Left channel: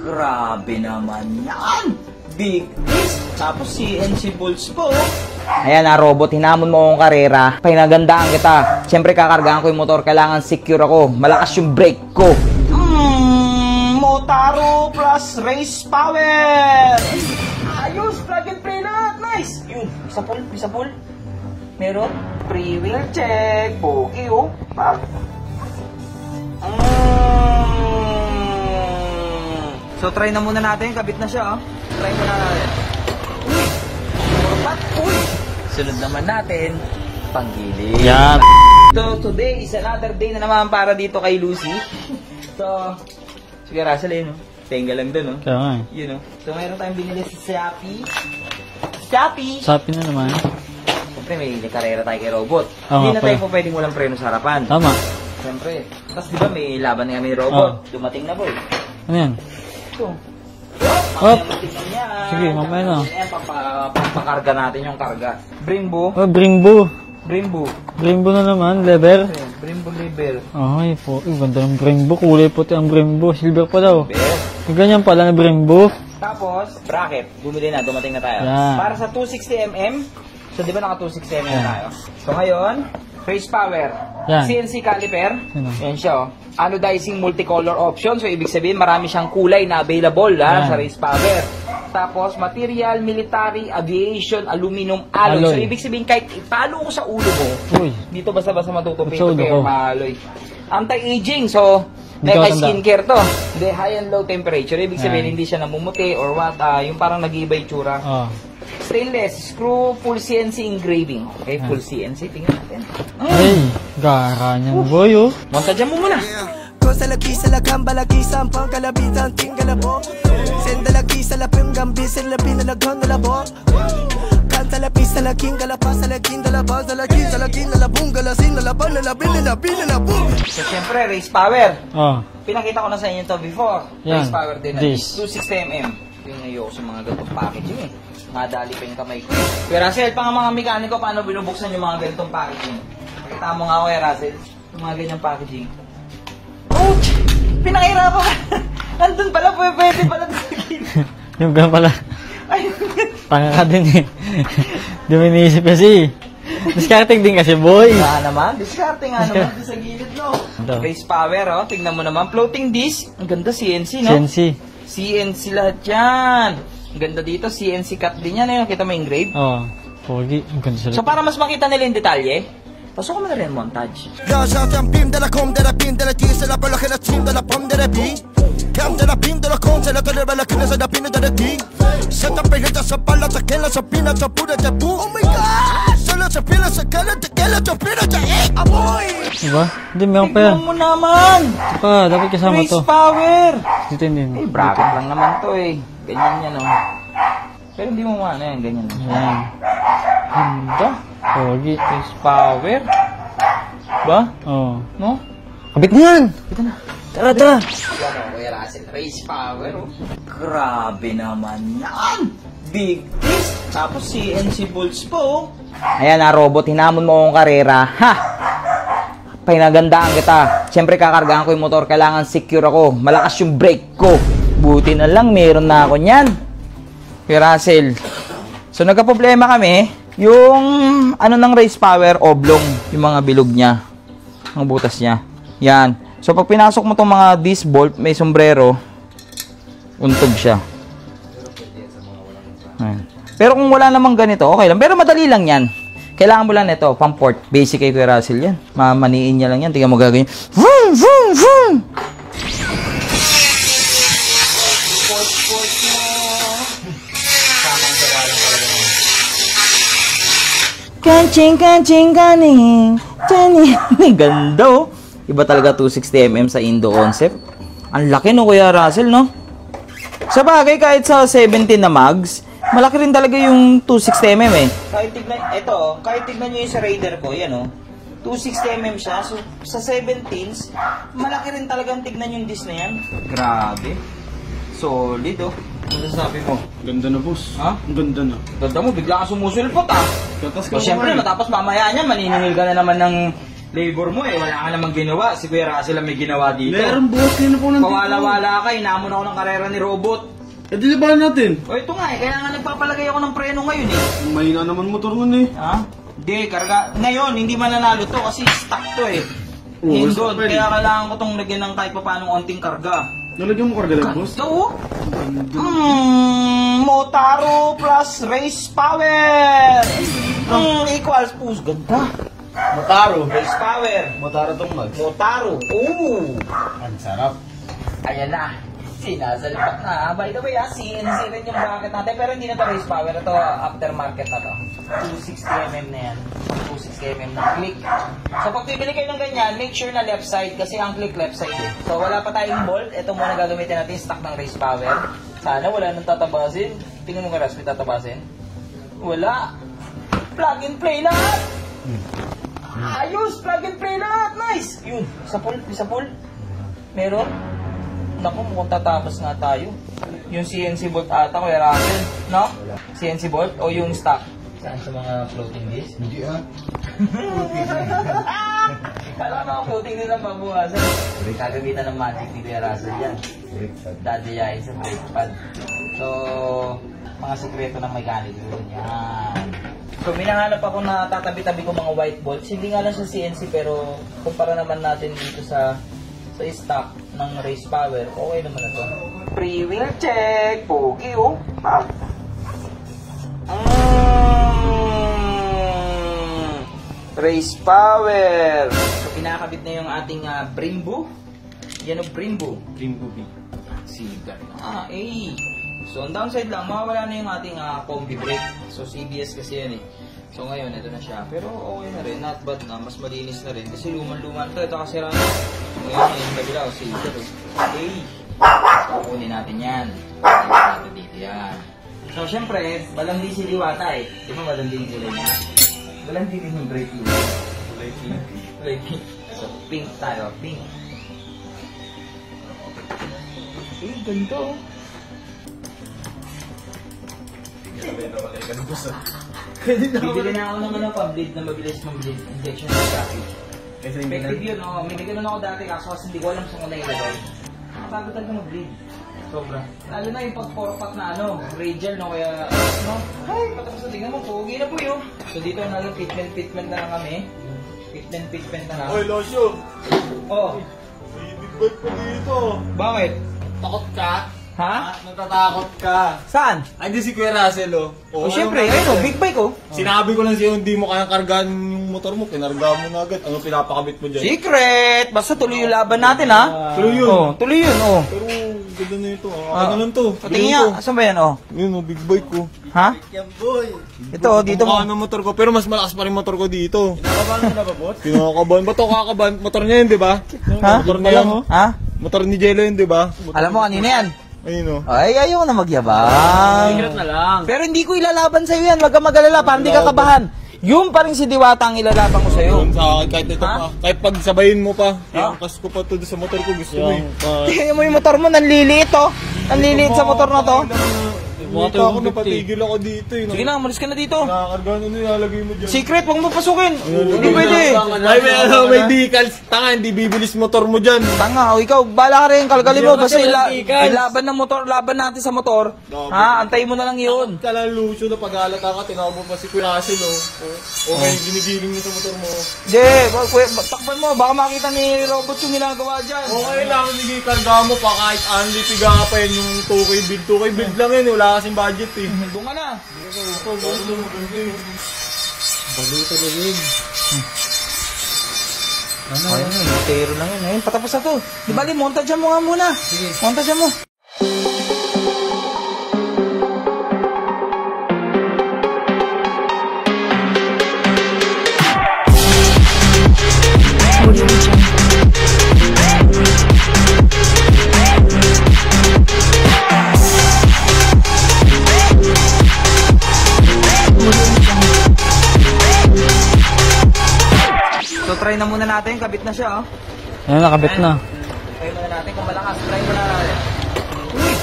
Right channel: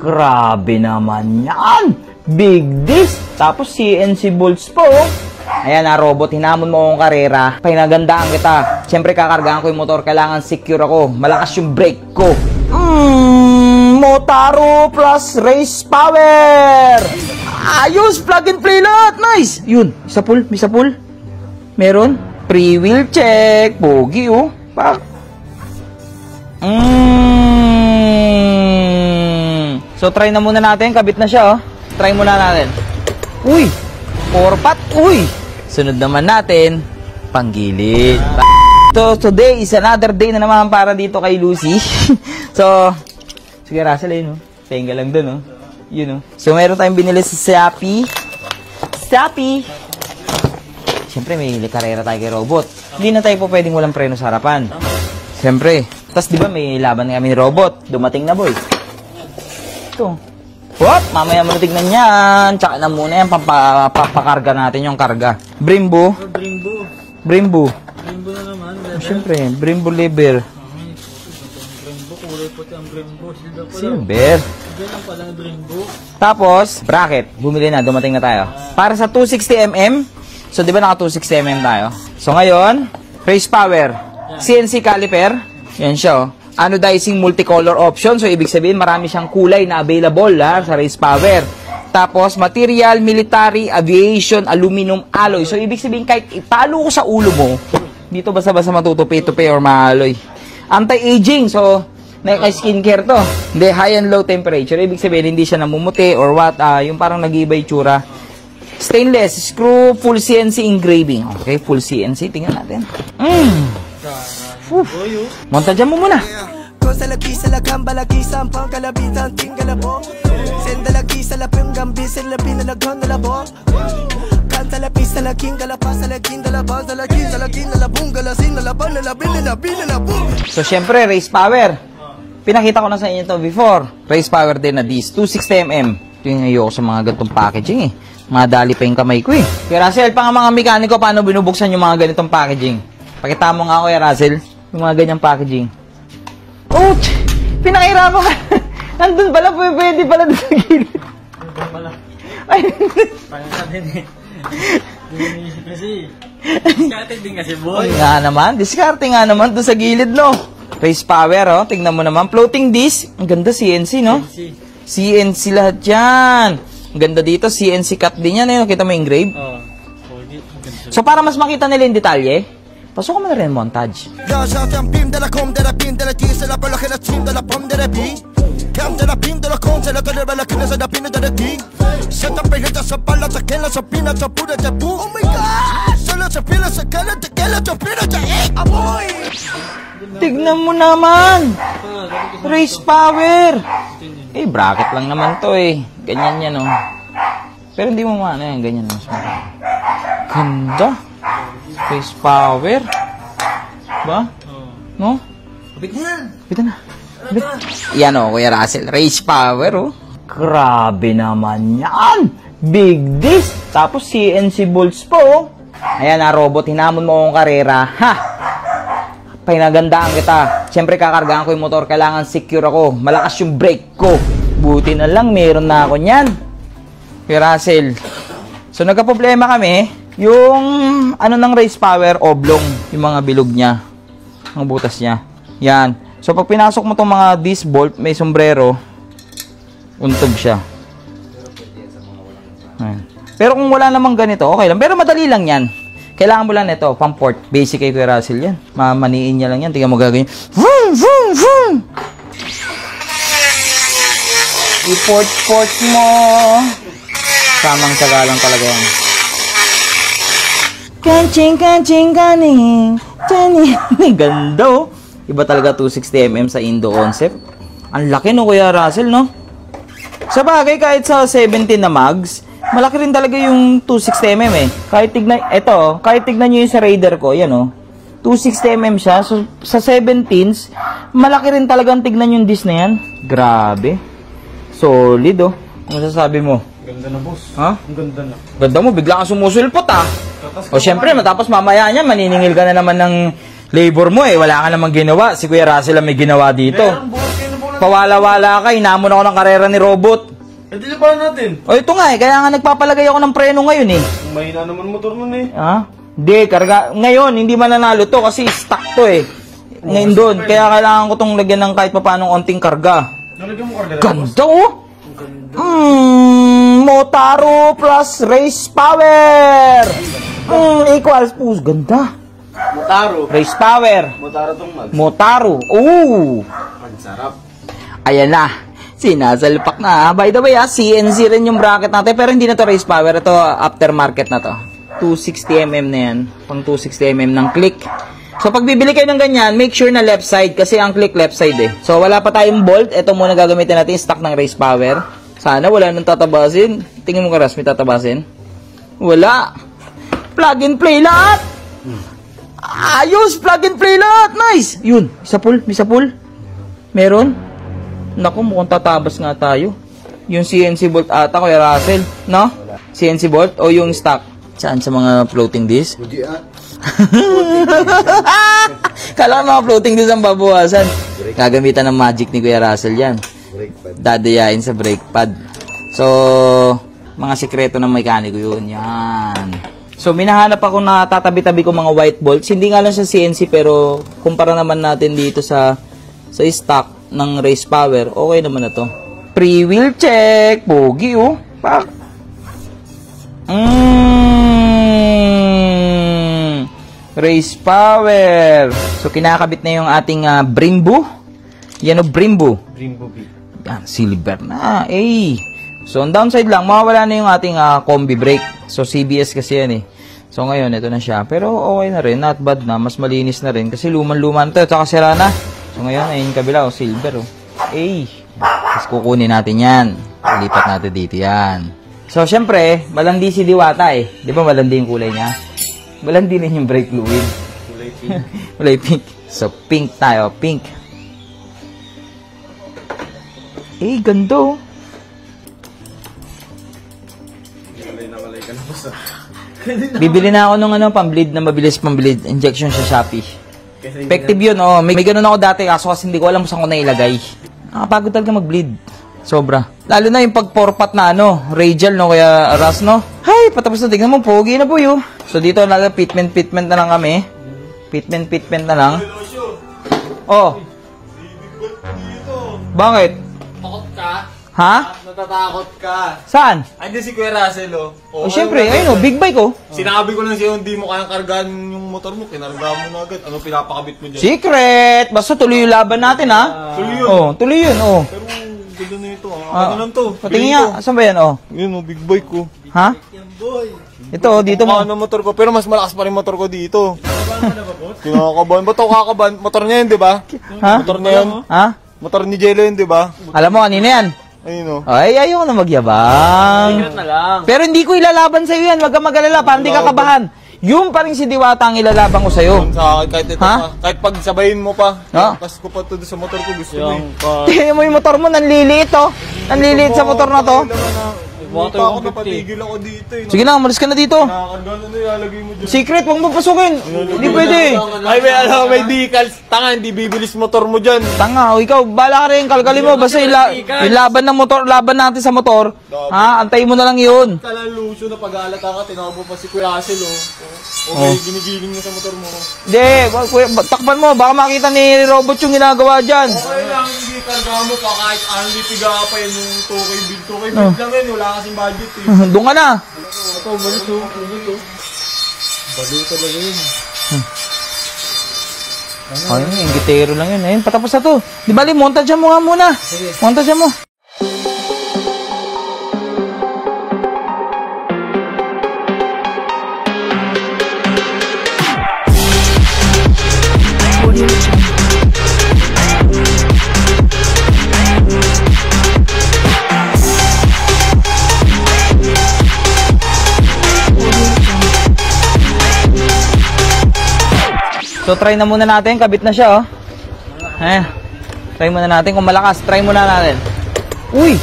Grabe naman yan. Big disc. Tapos CNC bolts po. Ayan na, robot. Hinamon mo akong karera. Pinagandaan kita. Siyempre, kakargaan ko yung motor. Kailangan secure ako. Malakas yung brake ko. Motaro plus race power. Ayos. Plug and play lahat. Nice. Yun. Sapul. May sapul. Meron. Pre-wheel check. Pogi, oh. So, try na muna natin. Kabit na siya, oh. Try muna natin. Uy! 4-pot. Uy! Sunod naman natin, panggilid. Yeah. So, today is another day na naman para dito kay Lucy. So, sige, Russell, yun, no? Tenga lang dun, no? Kaya yun, no? So, meron tayong binili sa Shopee. Shopee na naman. Siyempre, may karera tayo kay robot. Hindi na tayo po pwedeng walang preno sa harapan. Tama. Siyempre. Tapos, di ba, may laban kami ni robot. Dumating na, boy. Ano yan? Ito. What? Mamaya mo tignan yan. Tsaka na muna yan. Pampakarga natin yung karga. Brembo. Oh, Brembo. Brembo. Brembo na naman. Lever. Brembo lever. Ay, po. Ganda ng Brembo. Kulay puti ang Brembo. Silver pa daw. Silver. Ganyan pala na Brembo. Tapos, bracket. Bumili na. Dumating na tayo. Yeah. Para sa 260mm. So, di ba naka 260mm tayo? So, ngayon, race power. Yeah. CNC caliper. Yan siya, oh. Anodizing multicolor option. So, ibig sabihin, marami siyang kulay na available sa race power. Tapos, material, military, aviation, aluminum alloy. So, ibig sabihin, kahit ipalo ko sa ulo mo, dito basta-basta matutupi-tupi or maaloy. Anti-aging. So, skincare to. Hindi, high and low temperature. Ibig sabihin, hindi siya namumuti or what. Yung parang nag-iba yung tsura. Stainless, screw, full CNC engraving. Okay, full CNC. Tingnan natin. Gara niyan, boy, oh. Montajan mo muna. Cosa la quisa la camba la quisa pang kalabitan tingala po. Senda la quisa la pengambi sen la pina la gonda la bo. Canta la pista la kinga la pasa la kinda la banda la kinda la kinda la bunga la sinda la banda la bina la boom. So syempre race power. Pinakita ko na sa inyo to before. Race power din na this 260mm. Ito yung ayoko sa mga ganitong packaging eh. Madali pa yung kamay ko eh. Kaya Russell, pa nga mga mekaniko paano binubuksan yung mga ganitong packaging. Pakita mo nga ako ya Russell, yung mga ganyang packaging. Oh! Pinakahirapan ka! Nandun pala, pwede pala doon sa gilid. Yung gano'n pala. Ay, tanga ka din eh. Duminisip kasi. Discarding din kasi, boy. Discarding nga naman doon sa gilid, no? Race power, oh. Tignan mo naman. Floating disc. Ang ganda, CNC, no? CNC lahat yan. Ang ganda dito, CNC cut din yan, eh. Nakita mo yung engrave? Oo. Pogi. Ang ganda sila. So, para mas makita nila yung detalye, pasok ko mo rin montage. Diba? Tignan mo naman! Dapat kasama race to. Power! Hindi. Bracket lang naman to eh. Ganyan yan, oh. Pero hindi mo maano yan, ganyan. Ganda. Pogi. Race power. Ba? Oo. No? Kabit na yan! Kabit na. Tara. Yan, oh, Kuya Russell. Race power, oh. Grabe naman yan! Big disc! Tapos CNC bolts po, oh. Ayan na, robot. Hinamon mo akong karera. Ha! Pinagandaan kita. Siyempre, kakargaan ko yung motor. Kailangan secure ako. Malakas yung brake ko. Buti na lang, meron na ako niyan. Kuya Russell. So, nagka-problema kami. Yung, ano ng race power, oblong. Yung mga bilog niya. Ang butas niya. Yan. So, pag pinasok mo itong mga disc bolt, may sombrero, untog siya. Ayan. Pero kung wala namang ganito, okay lang. Pero madali lang yan. Kailangan mo lang nito, pang port. Basic kay Kuya Russell yan. Mamaniin niya lang yan. Tingnan mo gagawin. Vroom, vroom, vroom! I-port mo. Samang tsaga lang talaga yan. Kanching, kaning. Ganda, oh. Iba talaga 260mm sa Indo concept. Ang laki, no, Kuya Russell, no? Sa bagay, kahit sa 17 na mags, malaki rin talaga yung 260mm eh. Kahit tignan nyo yung sa Raider ko, yan, oh. 260mm siya. So, sa 17s, malaki rin talagang tignan yung disc na yan. Grabe. Solid, oh. Ano sasabi mo? Ganda na, boss. Ha? Ang ganda na. Ganda mo, bigla kang sumusulpot, ha? O, syempre, matapos mamaya niya, maniningil ka na naman ng Labor mo eh, wala ka namang ginawa. Si Kuya Russell ang may ginawa dito. Meron, boss. Sino po nandito? Pawala-wala ka, inamon ako ng karera ni Robot. Hindi labanan natin. O ito nga eh, kaya nga nagpapalagay ako ng preno ngayon eh. Mahina naman motor nun eh. Ha? Hindi, karga. Ngayon, hindi mananalo to kasi stock to eh. Ngayon doon, kaya kailangan ko tong lagyan ng kahit papanong onting karga. Nalagyan mo karga lang, boss? Ganda oh! Motaro plus race power! Equals, ganda. Motaro. Race power. Motaro tong mag. Motaro. Ooh! Ang sarap. Ayan na. Sinasalpak na. By the way, CNC rin yung bracket natin. Pero hindi na to race power. Ito, aftermarket na to. 260mm na yan. Pang 260mm ng click. So, pag bibili kayo ng ganyan, make sure na left side. Kasi ang click left side eh. So, wala pa tayong bolt. Ito muna gagamitin natin. Stock ng race power. Sana wala nang tatabasin. Tingin mo ka, Ras, may tatabasin? Wala. Plug and play lahat. Ayos! Plug and play lahat. Nice! Yun. Isa pull. Isa pull. Meron. Naku, mukhang tatabas nga tayo. Yung CNC bolt ata, Kuya Russell. No? CNC bolt o yung stock? Saan? Sa mga floating disc? Hindi ah. Kala ko mga floating disc ang babawasan. Gagamitan ng magic ni Kuya Russell yan. Dadayain sa brake pad. So, mga sikreto ng mekaniko yun. Yan. So, minahanap ako na tatabi-tabi ko mga white bolts. Hindi nga lang sa CNC pero kumpara naman natin dito sa stock ng race power, okay naman na to. Pre-wheel check. Pogi oh. Pak. Race power. So, kinakabit na yung ating Brembo. Yan o, Brembo. Yan, silver na. Eh. So, on downside lang, mawawala na yung ating combi brake. So, CBS kasi yan eh. So, ngayon, ito na siya. Pero, okay na rin. Not bad na. Mas malinis na rin. Kasi luman-luman to. Tsaka sira na. So, ngayon, ayun kabila, oh, silver, oh. Eh. Tapos, kukunin natin yan. Lipat natin dito yan. So, syempre, malandi si Diwata eh. Di ba malandi yung kulay niya? Malandi na yung brake fluid. Kulay pink. Kulay pink. So, pink tayo. Pink. Eh, ganda, oh. Bibili na ako ng pambleed na mabilis pambleed. Injection sa Shopee. Effective yun, oh. May ganun ako dati, kaso kasi hindi ko alam kung saan ko nailagay. Nakapagod talaga mag-bleed. Sobra. Lalo na yung pag-4-pot na radial, no, kaya Ras, no? Hay, patapos na, tignan mo, pogi na po yun. So, dito na pitment na lang kami. Pitment na lang. Oh. Bakit? Takot ka? Ha? Natatakot ka. Saan? Andiyan si Kuya Russell, oh. Oh, syempre, ayun, big bike, oh. Sinabi ko lang sa'yo, hindi mo kayang kargaan yung motor mo. Kinargaan mo na agad. Ano pinapakabit mo dyan? Secret! Basta tuloy yung laban natin, ha? Tuloy yun. Oh, tuloy yun, oh. Pero, ganda na ito. Ano lang to? Patingin nga, saan ba yan, oh? Yun, oh, big bike ko. Ha? Ito, oh, dito mo. Ano motor ko? Pero mas malakas pa rin motor ko dito. Kinakabahan mo na ba, Bot? Kinakabahan. Ba't ako kakabahan? Motor niya yun, di ba? Ha? Motor niya yun. Ha? Motor ni Jello yun, di ba? Alam mo, kanina yan. Ayun, oh. Ay, ayaw na magyabang. Pero hindi ko ilalaban sa'yo yan. Wag kang mag-alala, pa hindi ka kabahan. Yung pa rin si Diwata ang ilalaban ko sa'yo. Sa akin, kahit ito Ha? pa. Kahit pag sabayin mo pa. Ha? Kas ko pa ito sa motor ko. Gusto mo eh. Tingnan mo yung motor mo, nanliliit, oh. Nanliliit sa motor na to. Mata ako, napatigil ako dito eh. Sige na, umalis ka na dito. Nakakargaan mo na ilalagay mo dyan. Secret, huwag mo pasukin. Hindi pwede. Ay, may alam, may decals. Tanga, hindi bibilis motor mo dyan. Tanga, o ikaw, bala ka rin, kalkalin mo. Basta ilaban ng motor, laban natin sa motor. Ha, antayin mo na lang yun. Kalaluso na pag-alata ka, tinawag mo pa si Kuya Russell, oh. Okay, ginigiling mo sa motor mo. Hindi, takpan mo, baka makita ni Robot yung ginagawa dyan. Okay lang, hindi tanda mo pa kahit only piga pa yung 2K bid. 2K bid lang yun, wala kasing budget eh. Doon ka na. Ito, balik no. Balo talaga yun. Ayun, ingitero lang yun. Ayun, patapos na to. Di bali, montage mo nga muna. Sige. Montage mo. So, try na muna natin. Kabit na siya, oh. Ayun, nakabit na. Try muna natin kung malakas. Try muna natin. Uy!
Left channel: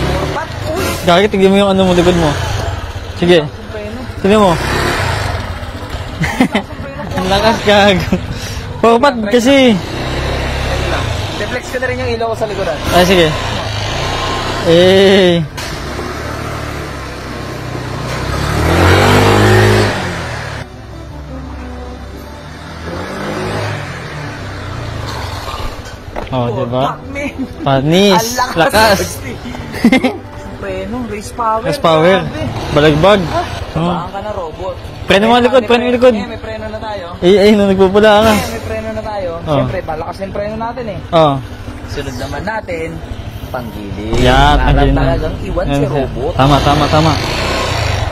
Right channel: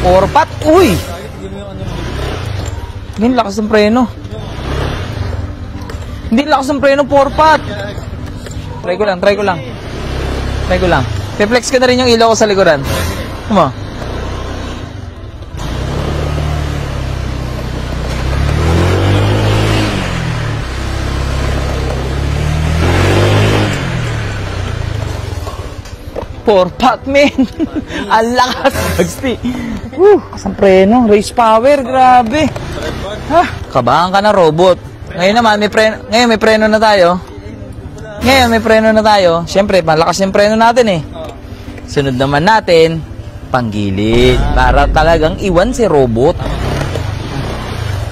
4-pot! Uy! Kaya tignan mo yung ano mo, likod mo. Hindi lakas ng preno. Tignan mo. Hindi lakas ng preno, 4-pot. Lakas, Try ko Ba't lang, try ko lang. kasi? Try ko lang. Reflex ko na rin yung ilaw ko sa likuran. Ah, sige. Mo. Eh. Oh, For diba? Pac-Man. Panis. Ang lakas. Ang preno, race power, Race power. grabe. Balagbag. Kabahan ka na robot. Preno Ngayon mo naman, likod, may preno preno, likod. ngayon may preno na tayo. Ay, nagpupula nga. Ngayon may preno na tayo. Oh. Siyempre, malakas yung preno natin eh. Oh. Sunod naman natin, panggilid. Yan, Para panggilid. talagang iwan si robot. Tama.